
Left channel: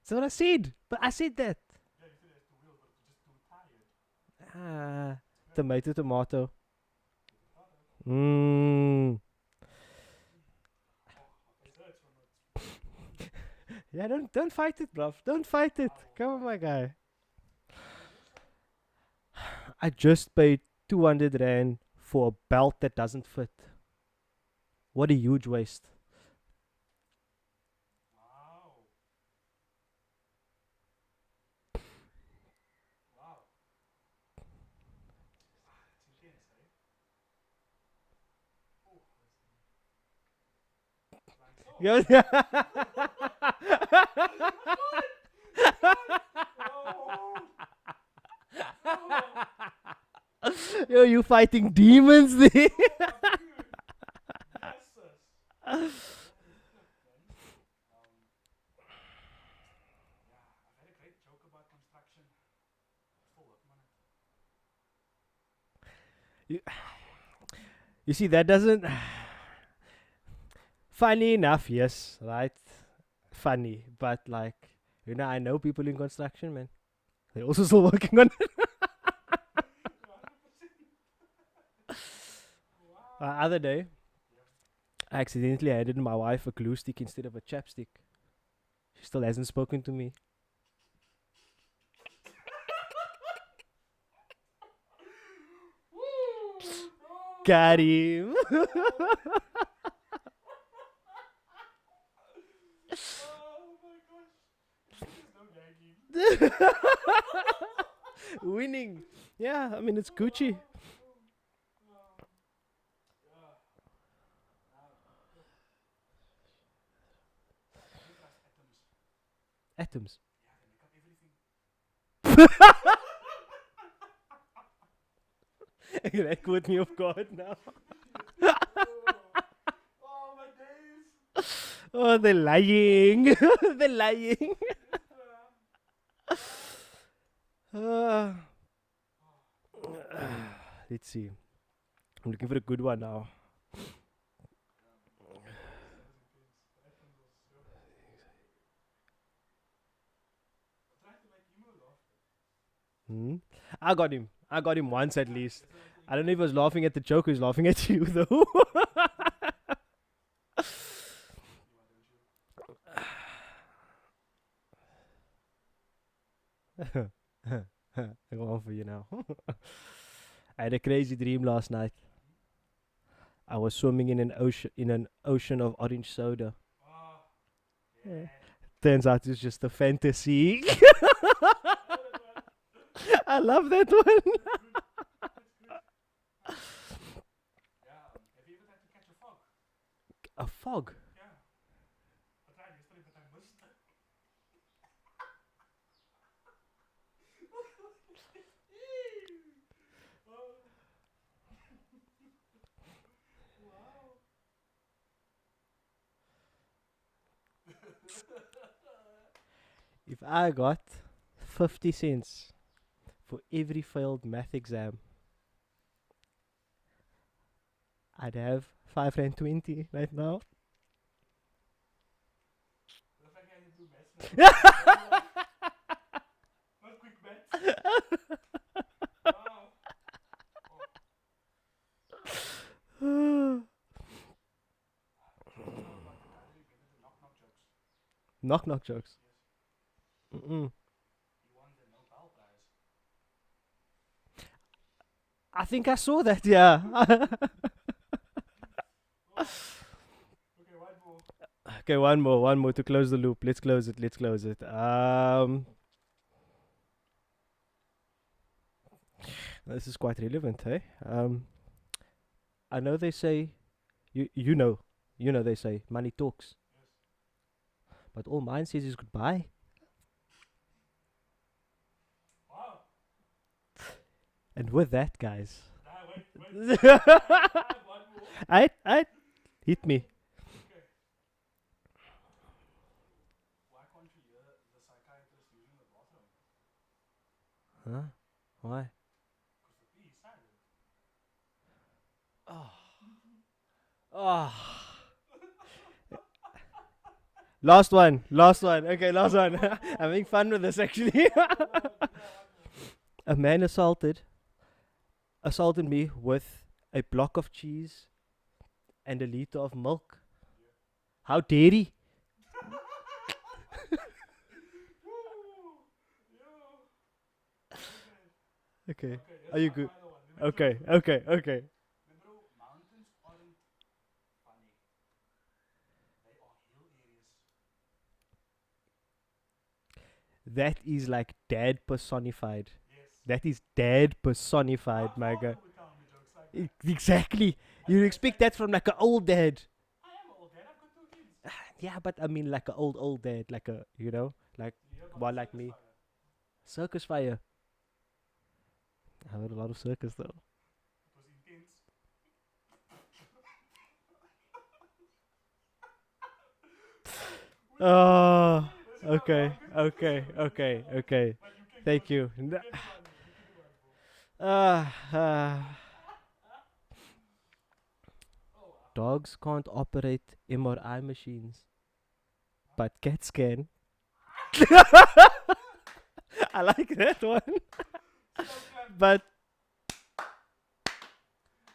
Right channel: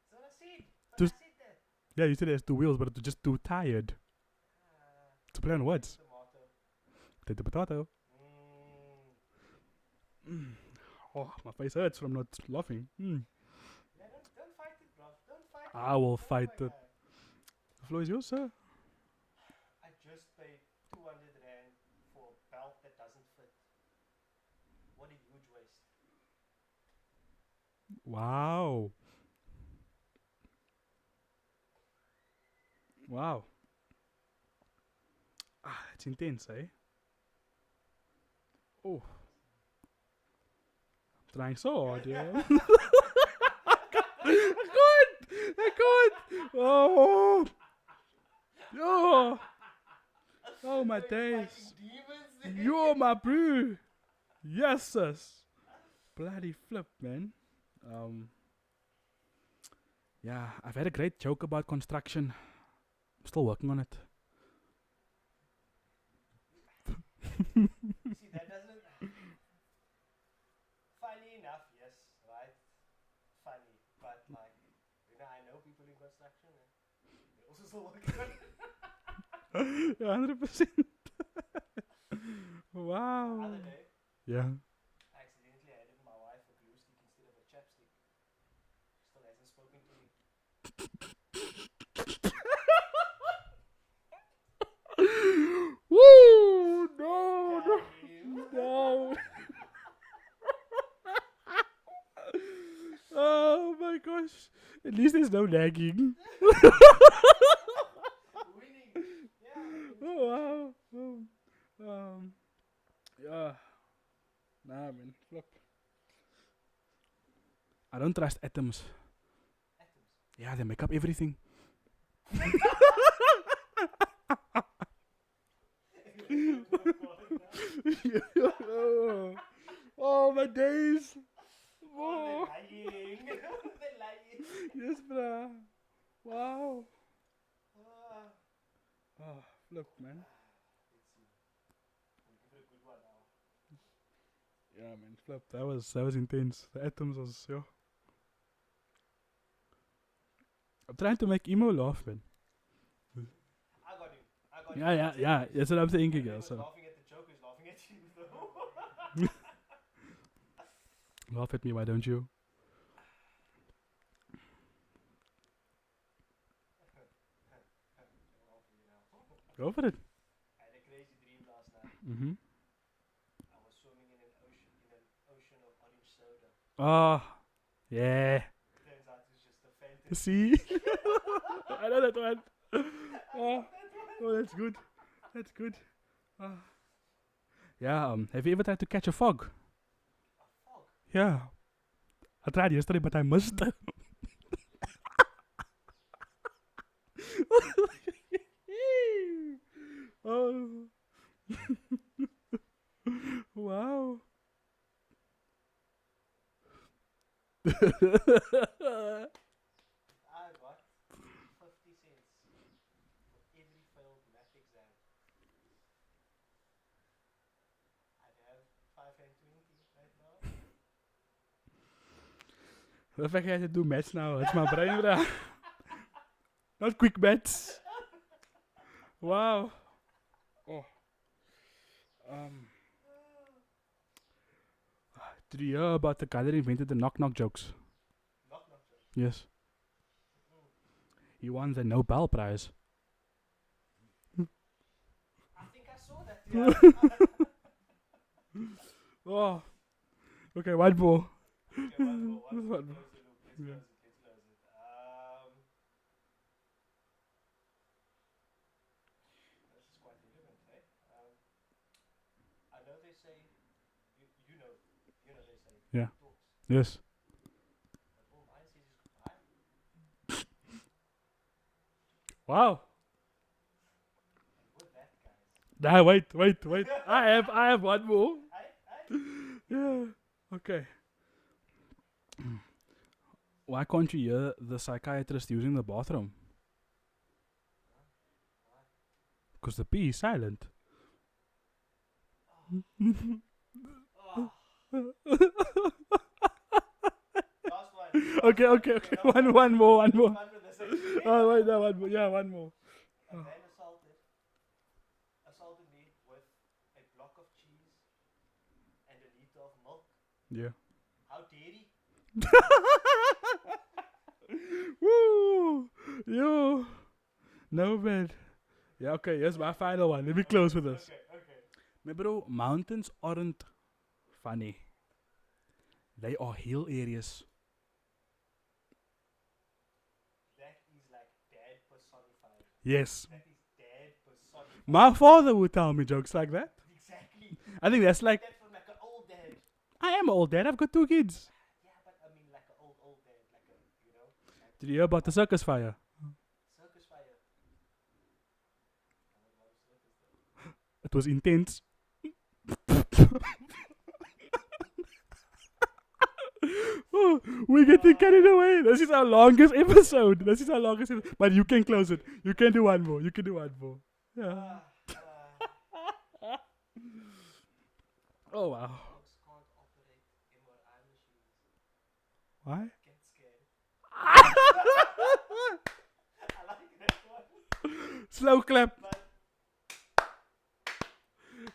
That's what I said. But I said that. Yeah, you said it has 2 wheels, but it was just too tired. To play on words. Tomato. Potato, potato. Oh, my face hurts from not laughing. Yeah, don't fight it, bruv. Don't fight it. I will Come fight on, my it. guy. The floor is yours, sir. I just paid 200 rand for a belt that doesn't fit. What a huge waste. Wow. Wow. It's intense, eh? Oh. Trying so hard. Yeah. Good. Oh. Oh. Oh my Yo, you days. fighting demons there. Yo, my boo. Yes, sis. Bloody flip, man. Yeah, I've had a great joke about construction. I'm still working on it. You see, that doesn't. Funny enough, yes, right? Funny, but like, I know people in construction, man. They're also still working on it. 100%. Wow. The other day, Yeah. I accidentally handed my wife a glue stick instead of a chapstick. She still hasn't spoken to me. Woo! No! Got him. No. Oh my gosh. At least there's no nagging. Winning. Yeah, I mean, it's Gucci. Yeah. Nah, man. Look. I don't trust atoms. Atoms. Yeah, they make up everything. That caught me off guard now. Oh, my days. Oh, they're lying. They're lying. Yes, bruh. Wow. Look. Let's see. I'm looking for a good one now. Yeah, man. Flip. That was intense. The atoms was, yeah. I'm trying to make Emo laugh, man. I got him. I got him once at least. That's what I'm thinking. I don't know if he was laughing at the joke or he was laughing at you, though. Laugh at me, why don't you? I got one for you now. Go for it. I had a crazy dream last night. Mm-hmm. I was swimming in an ocean of orange soda. Oh, yeah. Turns out it's just a fantasy. I know that one. I love that one. Oh, that's good. That's good. Yeah, have you ever tried to catch a fog? A fog? Yeah. I tried yesterday, but I missed. Oh. Wow. If I got 50 cents for every failed math exam, I'd have 520 right now. The fact I had to do maths now. It's my brain, bruh. Not quick maths. Wow. Did you hear about the guy that invented the knock-knock jokes? Knock-knock jokes. Yes. Mm-mm. He won the Nobel Prize. I think I saw that, yeah. Oh. Okay, one more. Okay, one more to close the loop. Let's close it. This is quite relevant, hey? I know they say, you know they say, money talks. Yes. But all mine says is goodbye. Wow. And with that, guys. Nah, wait. I have one more. Aight. Hit me. Okay. Why can't you hear the psychiatrist using the bathroom? Huh? Why? Because the P is silent. Oh. Last one. Okay, last one. One more. I'm having fun with this, actually. One more. A man assaulted me with a block of cheese and a liter of milk. Yeah. How dare he? Woo! Yo. No, man. Okay. Yeah, okay, here's Are you my good? final one. Let me close with this. Okay. Remember, bro, mountains aren't funny. They are hill areas. That is like dad personified. Yes. That is dad personified. My father would tell me jokes like that. Exactly. I think you that's expect like that from like an old dad. I am an old dad. I've got 2 kids. Yeah, but I mean like an old dad, like a like Did you hear about the one like circus me. fire? Circus fire. I heard a lot of circus though. It was intense. We get carried away. This is our longest episode. This is our longest episode. But you can close it. You can do one more. Oh wow. Dogs can't operate MRI machines, What? but cats can. I like that one. Slow clap. But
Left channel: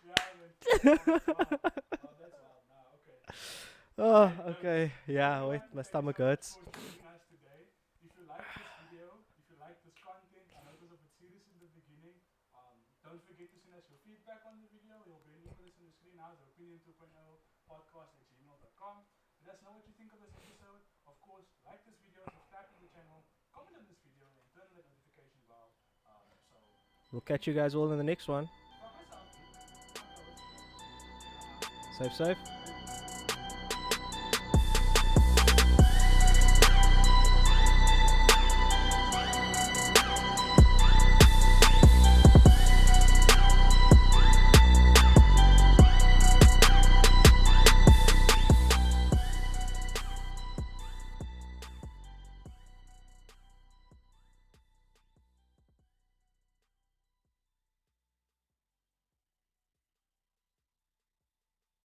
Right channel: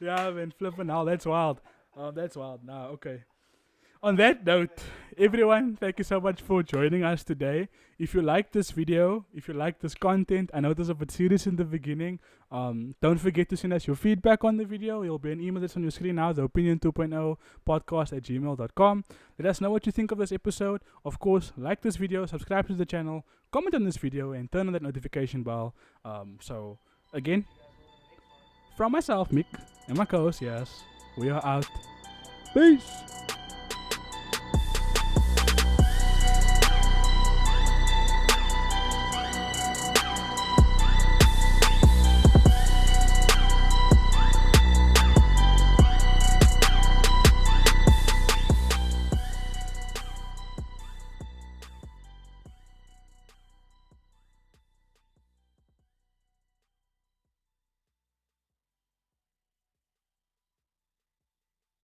Yeah, man, flipping hell, that's wild. That's wild. Nah, okay. On that note, okay. Yeah, everyone, my thank you so stomach much hurts. for joining us today. If you like this video, if you like this content, I know it was a bit serious in the beginning. Don't forget to send us your feedback on the video. It'll be an email that's on your screen now, the Opinion 2.0 podcast@gmail.com. Let us know what you think of this episode. Of course, like this video, subscribe to the channel, comment on this video, and turn on that notification bell. So, We'll again, catch you guys all in the next one. from myself, Mik, and my co-host, Yaas, we are out. Safe, safe. Peace.